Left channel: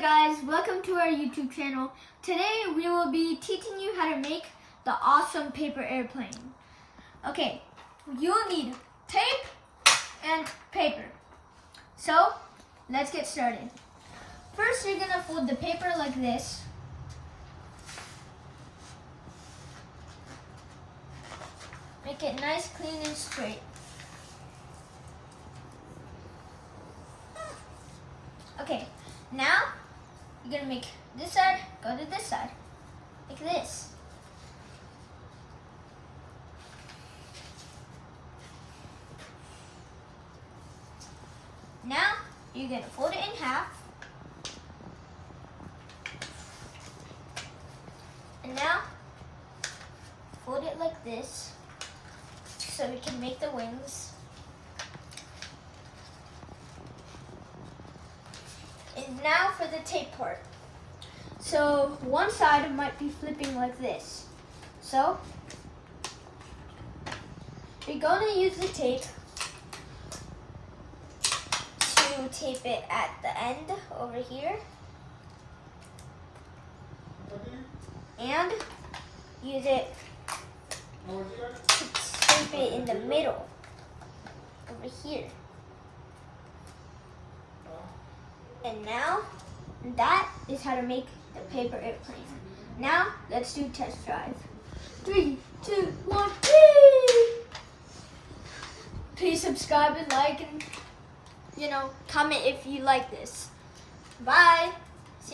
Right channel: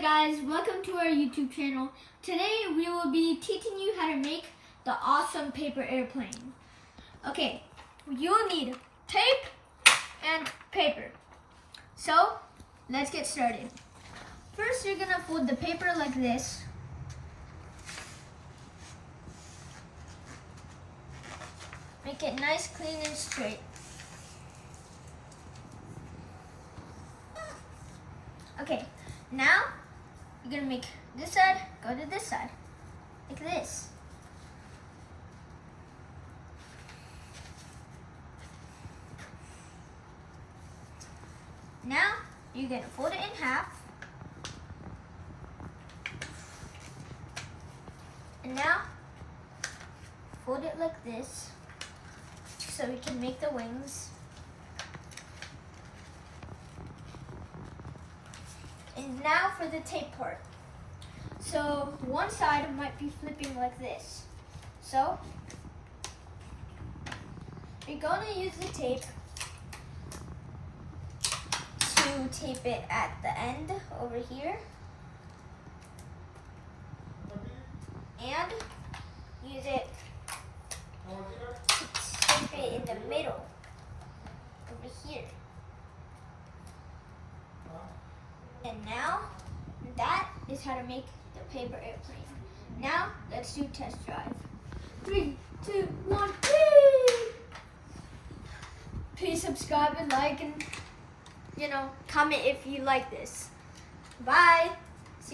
guys, welcome to our YouTube channel. Today we will be teaching you how to make the awesome paper airplane. Okay, you'll need tape and paper. So, let's get started. First, you're gonna fold the paper like this. Make it nice, clean, and straight. Okay, now you're gonna make this side go to this side, like this. Now you're gonna fold it in half, and now fold it like this so we can make the wings. And now for the tape part. So one side might be flipping like this. So you're going to use the tape to tape it at the end over here. And use it to tape it in the middle over here. And now, that is how to make the paper airplane. Now, let's do test drive. 3, 2, 1, whee! Please subscribe and like and, comment if you like this. Bye!